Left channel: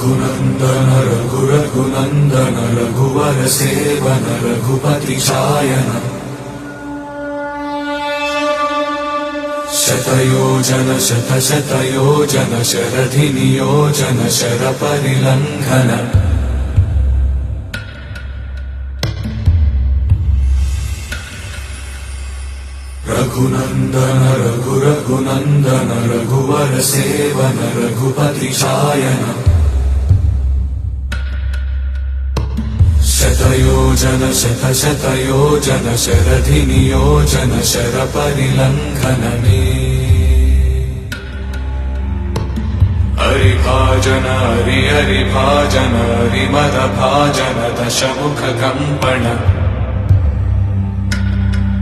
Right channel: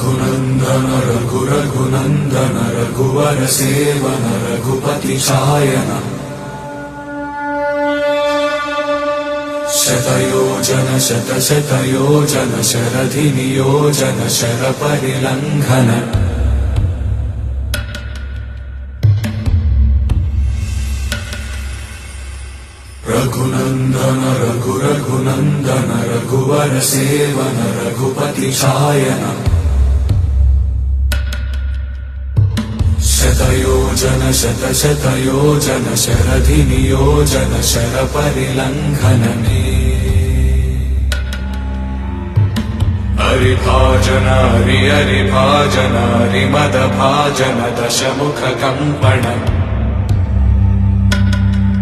रघुनन्दन रघुरघुनन्दन रघुवर seven Raghupati Shayan शतयोजन शतशतयोजन शरधि नियोजन शरपरिलङ्घन रघुनन्दन रघुरघुनन्दन रघुवर seven Raghupati Shayan शतयोजन शतशतयोजन शरधि नियोजन शरपरिलङ्घन हरिभाजन हरिभाजन हरिमदभाजन दशमुख कम्पण